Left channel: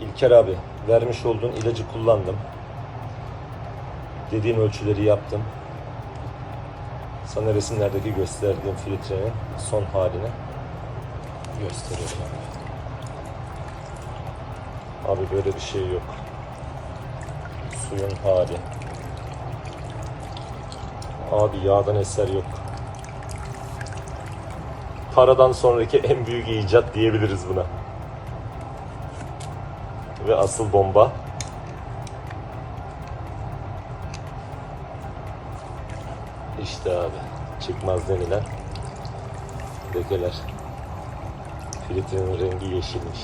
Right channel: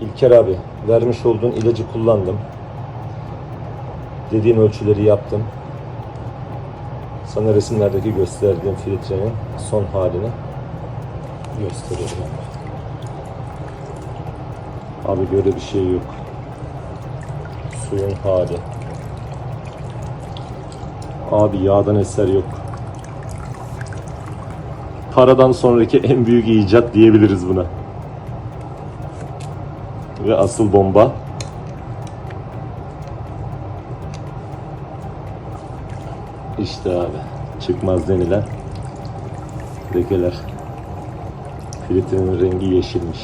İlker abi, vermiş olduğun ilacı kullandım. Dediğin ölçüleri yaptım. Sana resimlerdeki gösterdiğim filtrenin son halini göstereceğim. Abi böyle bir şey yok. Suyun hali. Abi yağdan eser yok. Paradan sonraki en büyük icat diyebiliriz buna. Ve asıl bomba. İşte abi çıkmaz denilen lekeler. Filtrenin rengi yeşilmiş.